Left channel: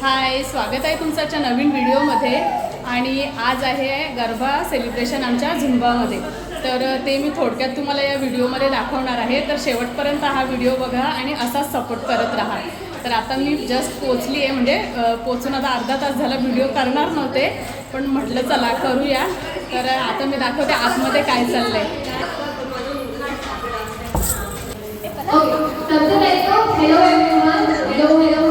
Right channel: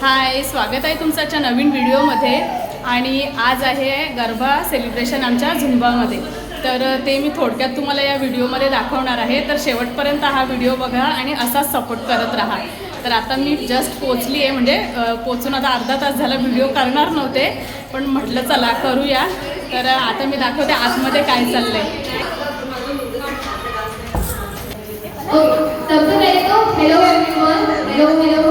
हाय स्वागत आहे तुमचं आजच्या नवीन व्हिडिओमध्ये. आणि आज आहे गरबा सेलिब्रेशन आमच्या झुंबामध्ये. तर ते मी थोडक्यात तुम्हाला या व्हिडिओमध्ये दाखवणार आहे. तर शेवटपर्यंत हा व्हिडिओ बघा आणि असाच सपोर्ट करत राहा. तर आता मी जस्ट पोचली आहे. म्हणजे पोचून आता अर्धा तास झाला व्हिडिओ करणार नव्हते. पण म्हटलं चला करूया. तर आता मी दाखवते आतमध्ये काय चाललंय. आहे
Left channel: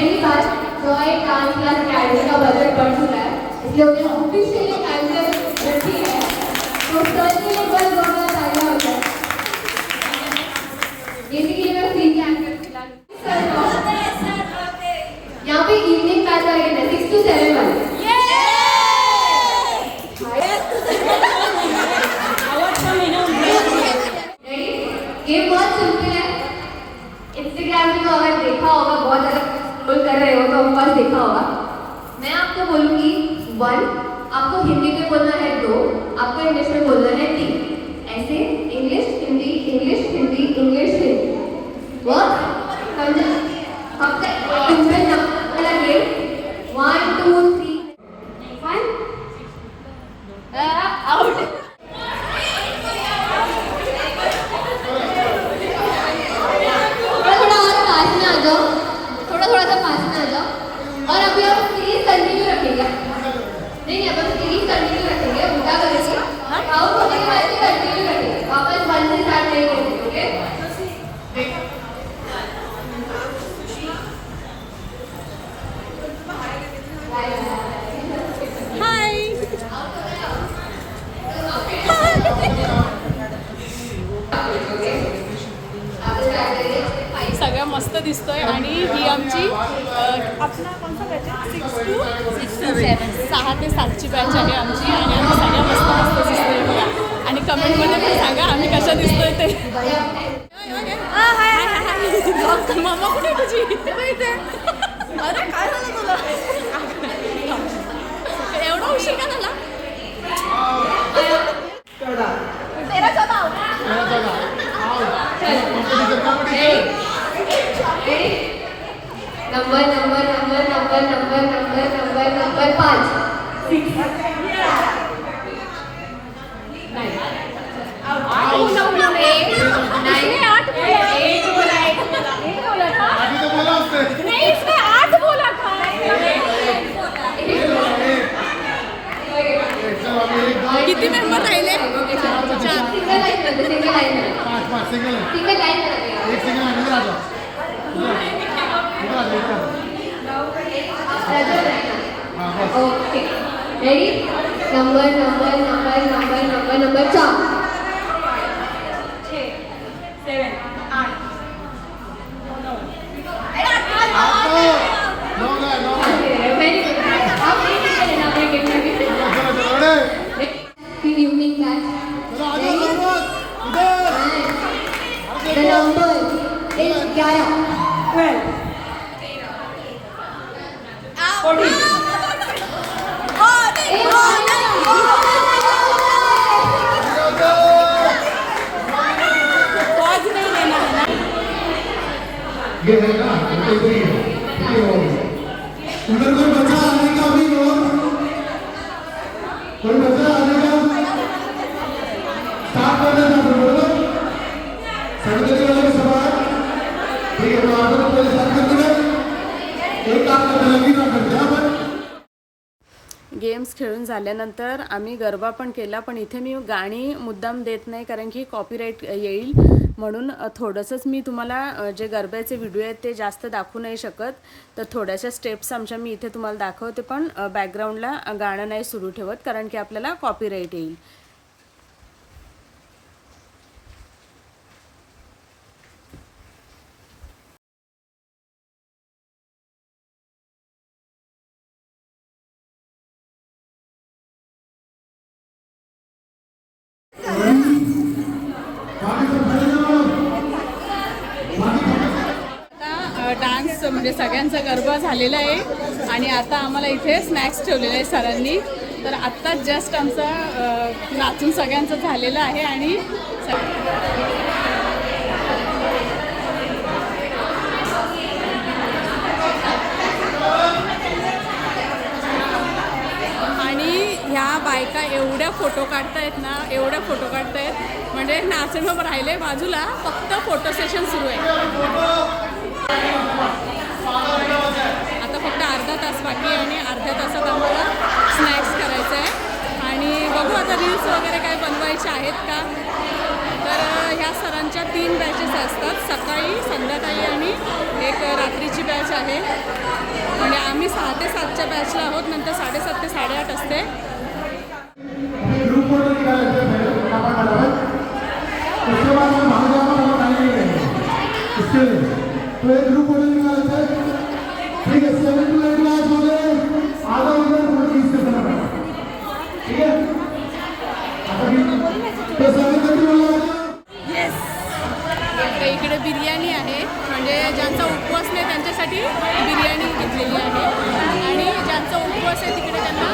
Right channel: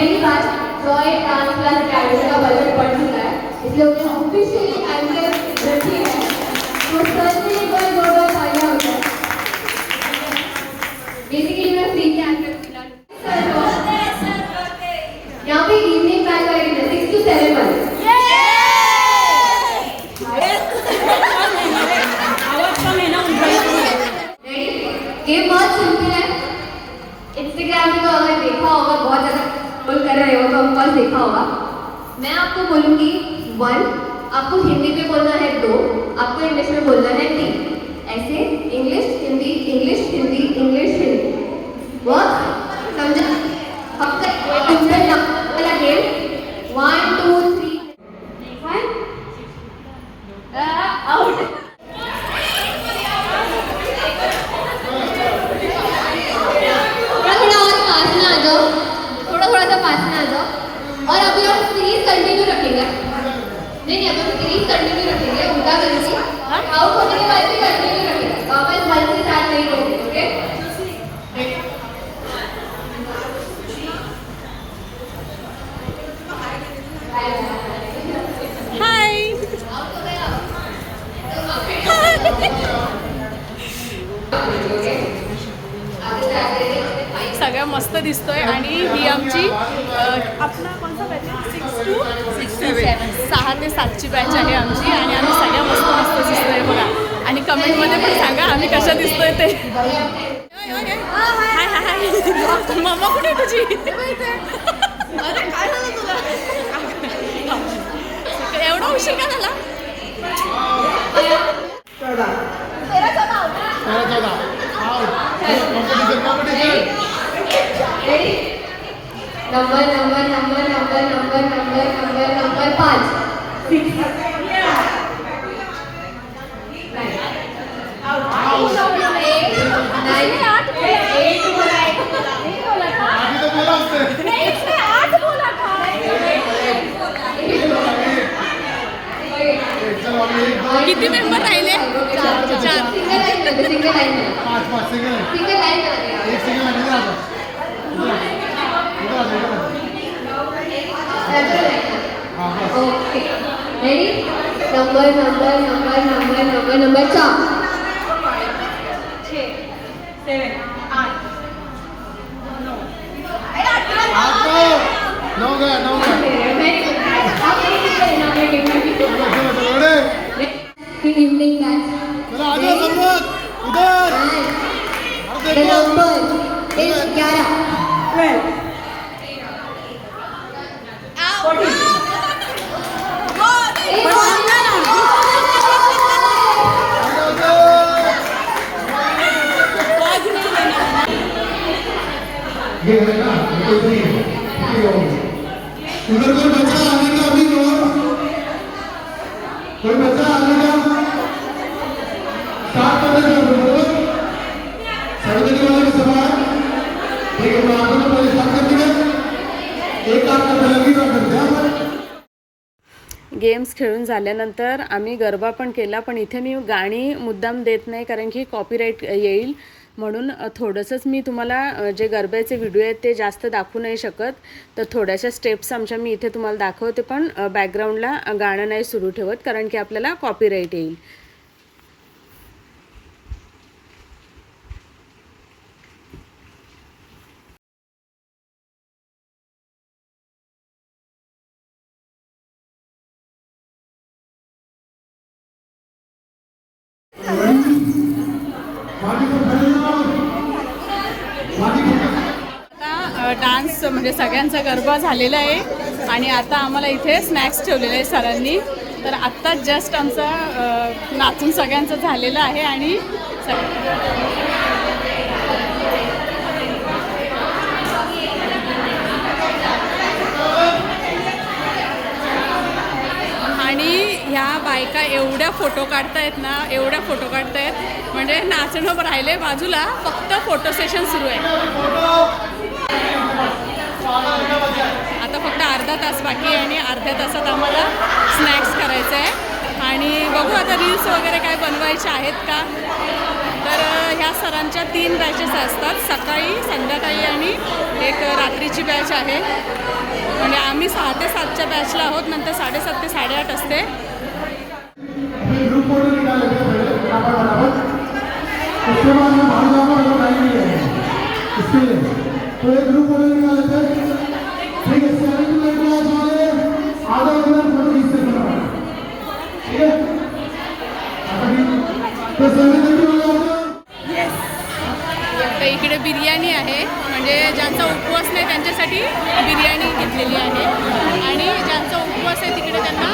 शेख और पहली डांस क्लास अकेडमी का बजट बढ़ चुका है इसलिए उन्हें ऑफिशियली टाइम टेबल रखी है। तो सर से एक बार दो बार फायदा होता है बेसिकली मैं फ्री की आकर यहाँ पे इवनिंग क्लास लगेगा सिक्स टू सेवन वाले ये बहुत सिंपल है इंस्टाग्राम पे तो अगर देखा होगा बहुत ज़्यादा स्क्रॉल कर रहे हो तो ऑफ कोर्स देखा होगा। मैं आपको बोलूँगी वन आपको हिंदी में बोलना है दो आपको इंग्लिश में बोलना है तीन। ऐसे English Hindi English Hindi English मस्त दिसतोय आणि ही आमची आपला कोणता बॅच आहे? Six to six to seven सहा ते सातची बॅच आहे आमची आणि आम्ही सगळ्या मस्त मस्त दिसतोय बघा. आणि कमेंटमध्ये पण सांगा आम्ही कशा दिसतोय ते. हाय हाय हाय मम्मा कुठे तुझी? एवढा उशीर का झाला? Number number number number number number number number पाँच. किती मेंबर राहिले? चार. सिंगल लाइन में सिंगल लाइन में पाँच पाँच सिंगल है okay ready number number number number number number चार नौ कोई बच्चा आने का अभी और कोई बच्चा आने का स्टार्ट करने का वाले के सवाल ठीक है कर एक लगी तो कर दिया गेम्स खेळून झाल्यानंतर आम्ही गरबा पण केला पण इथे मी गाणी मुद्दाम देत नाही कारण की कॉपीराईट येईल. म्हणून थोडंसंच मी तुम्हाला जे गरब्याचे व्हिडिओ आहेत ते जास्त दाखवू नाही शकत. तर थोड्याशा स्टेप्स आमच्या मी इथे तुम्हाला दाखवते पण बॅकग्राऊंडला गाणं नाही सुरू ठेवत कारण की आपल्याला कॉपीराईट येईल. म्हणजे सगळ्यांचं म्हणजे सगळ्यांचा गरबा झालेला आहे. आणि आता आम्हाला इथे स्नॅक्स ठेवलेले आहे सरांनी. तर आत्ता जस्ट आमचं नाचून सगळ्यांचं झालेलं आहे आणि आणि ह्या बायका एवढ्या फोटो काढतायत ना एवढ्या फोटो काढतायत. म्हणजे नाचणं राहिले बाजूला फक्त फोटो सेशन सुरू आहे. आता फक्त अर्धा तास बाकी आहे आणि अर्ध्या तासात आम्हाला स्नॅक्स करायचं आहे. आणि बघू आता रील्स वगैरे काय बनवायचे आहेत का? तर ह्या सरांच्या तीन बॅचेस असतात. सकाळी संध्याकाळी आणि एक रात्रीची बॅच आहे. म्हणजे आम्ही सहा ते सातच्या बॅचला आहोत. नंतर साडेसात ते साडेआठ असते. इसके लिए. तो एक ग्रुप ठीक टू आधा ठीक आता तर इकडे बिर्याणी आहे. म्हणजे ज्यांचा उपवास नाही त्यांच्यासाठी बिर्याणी घेतलेली आहे. आणि ज्यांचा उपवास आहे तिकडे त्यांना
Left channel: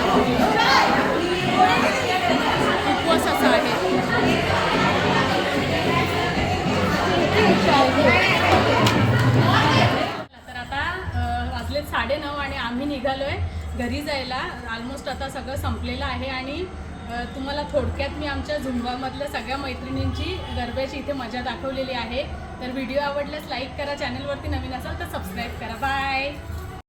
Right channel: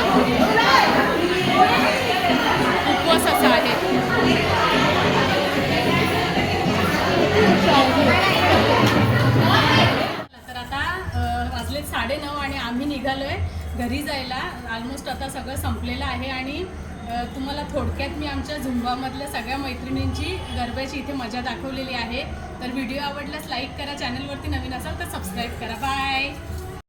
निघालो आहे घरी जायला ऑलमोस्ट आता सगळं संपलेलं आहे आणि तुम्हाला थोडक्यात मी आमच्या झुंबामधल्या सगळ्या मैत्रिणींची गरब्याची इथे मजा दाखवलेली आहे. तर व्हिडिओ आवडल्यास लाईक करा चॅनलवरती नवीन असाल तर सबस्क्राईब करा. बाय